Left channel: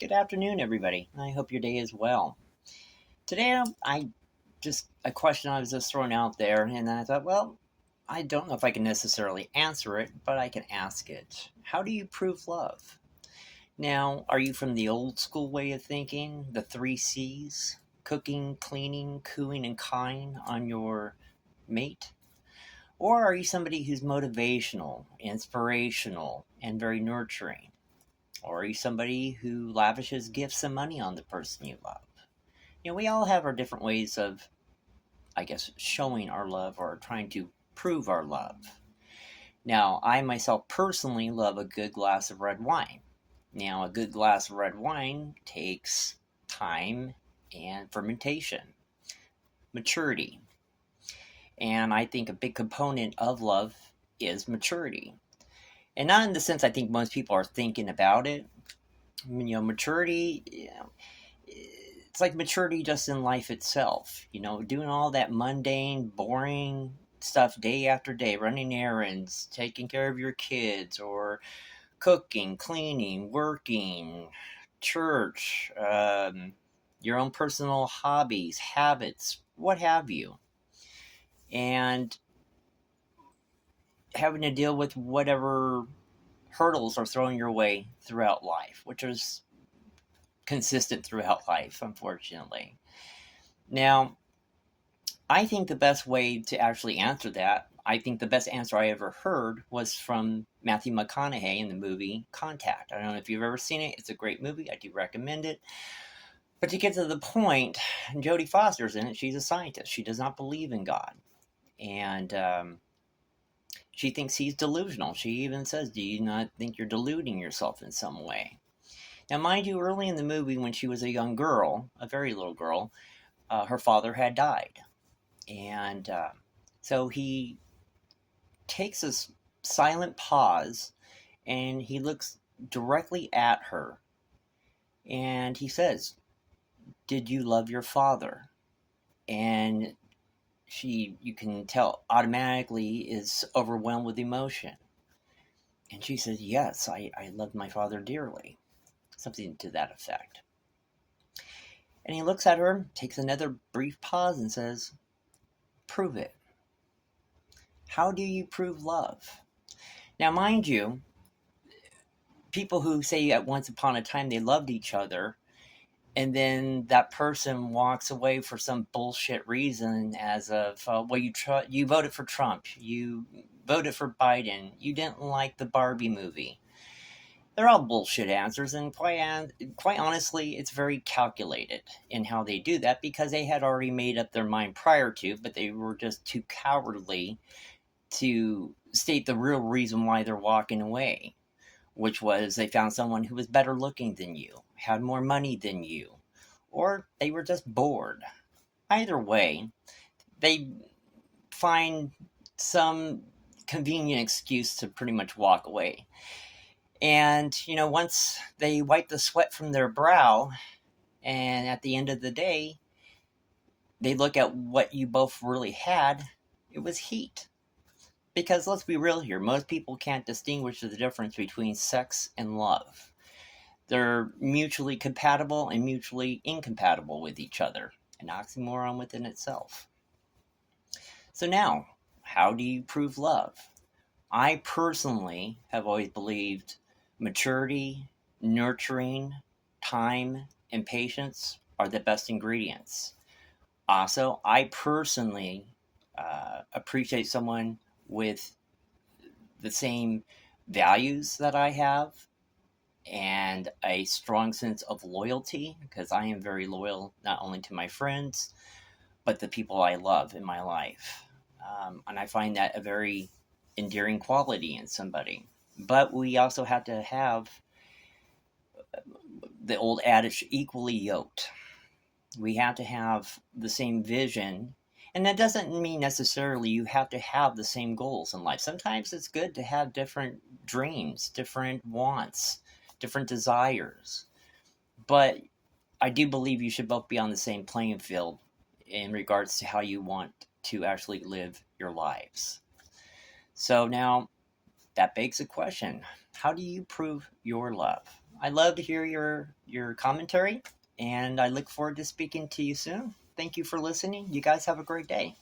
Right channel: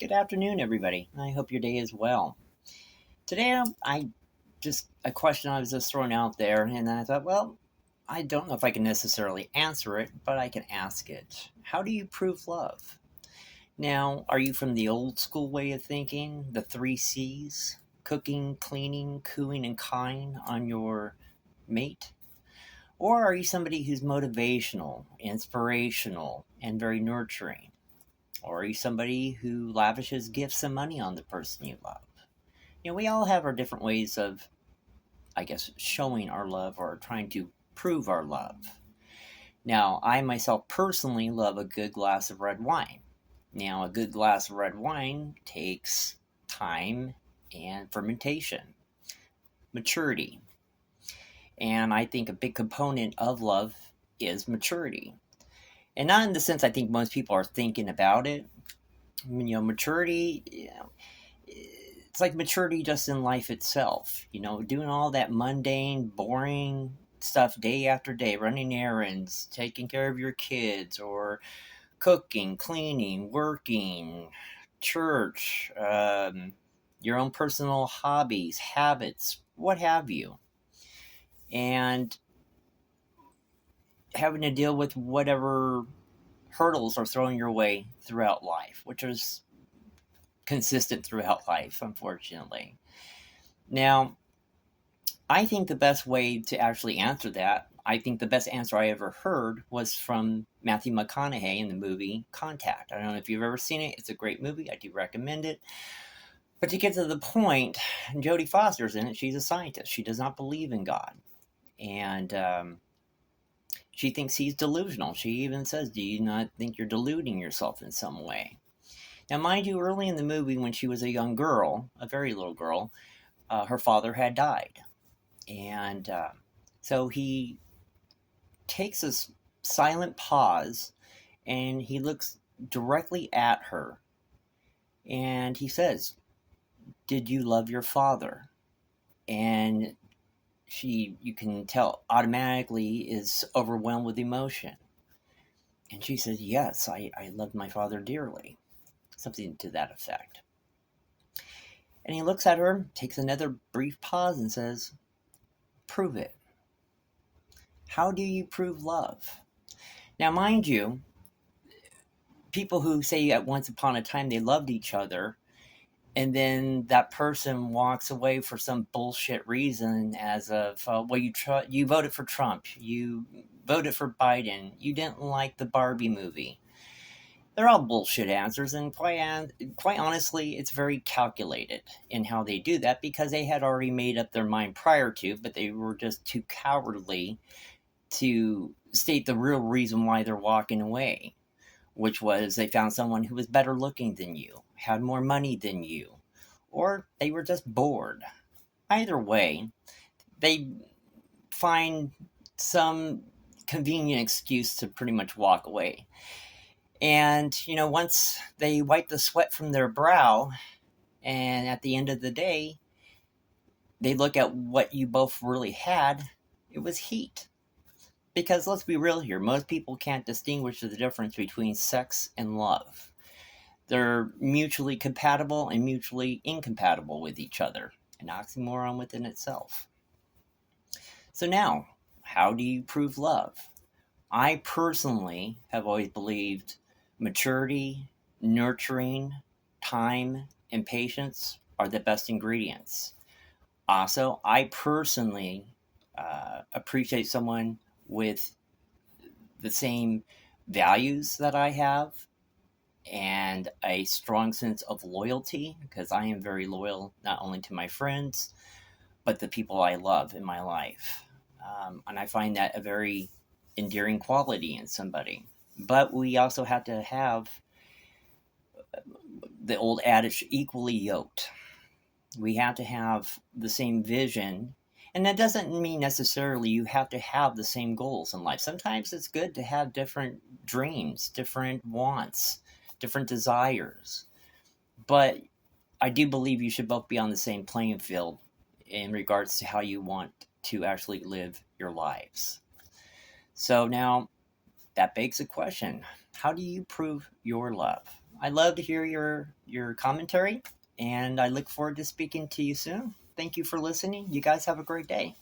Good afternoon, everybody. I hope your day is well. Today, I just a question I was just throwing out there, and I thought, well, I don't know if I can necessarily answer it, but I can ask it. How do you prove love? Now, are you from the old school way of thinking, the three C's? Cooking, cleaning, cooing, and kind on your mate? Or are you somebody who's motivational, inspirational, and very nurturing? Or are you somebody who lavishes gifts and money on the person you love? We all have our different ways of, I guess, showing our love or trying to prove our love. Now, I myself personally love a good glass of red wine. Now, a good glass of red wine takes time and fermentation, maturity. And I think a big component of love is maturity. And not in the sense I think most people are thinking about it. Maturity, it's like maturity just in life itself. Doing all that mundane, boring stuff day after day, running errands, taking care of your kids, or cooking, cleaning, working, church, your own personal hobbies, habits, what have you. And having to deal with whatever hurdles are thrown your way throughout life, which is consistent throughout life, unfortunately. Now, I think the best way to actually answer that, I think the best answer I ever heard was from Matthew McConaughey in the movie Contact. I don't know if you've ever seen it. It's a great movie. I do recommend it. But to get to the point, Jodie Foster's in it. She's a scientist. She does not believe in God. And she thinks he's delusional. She even says, do you not think you're deluding yourself in some way? Now, mind you, early in the movie, when she was a young girl, a very little girl, her father had died. And so he takes a silent pause, and he looks directly at her. And he says, did you love your father? And she, you can tell, automatically is overwhelmed with emotion. And she says, yes, I loved my father dearly. Something to that effect. And he looks at her, takes another brief pause, and says, prove it. How do you prove love? Now, mind you, people who say at once upon a time they loved each other, and then that person walks away for some bullshit reason as of, you voted for Trump, you voted for Biden, you didn't like the Barbie movie. They're all bullshit answers, and quite honestly, it's very calculated in how they do that because they had already made up their mind prior to, but they were just too cowardly to state the real reason why they're walking away, which was they found someone who was better looking than you, had more money than you, or they were just bored. Either way, they find some convenient excuse to pretty much walk away. And, once they wipe the sweat from their brow, and at the end of the day, they look at what you both really had, it was heat. Because let's be real here, most people can't distinguish the difference between sex and love. They're mutually compatible and mutually incompatible with each other, an oxymoron within itself. So now, how do you prove love? I personally have always believed maturity, nurturing, time, and patience are the best ingredients. Also, I personally appreciate someone with the same values that I have and a strong sense of loyalty, because I am very loyal not only to my friends, but the people I love in my life. And I find that a very endearing quality in somebody. But we also have to have the old adage, equally yoked. We have to have the same vision. And that doesn't mean necessarily you have to have the same goals in life. Sometimes it's good to have different dreams, different wants, different desires. But I do believe you should both be on the same playing field in regards to how you want to actually live your lives. So now, that begs a question. How do you prove your love? I'd love to hear your commentary, and I look forward to speaking to you soon. Thank you for listening. You guys have a great day.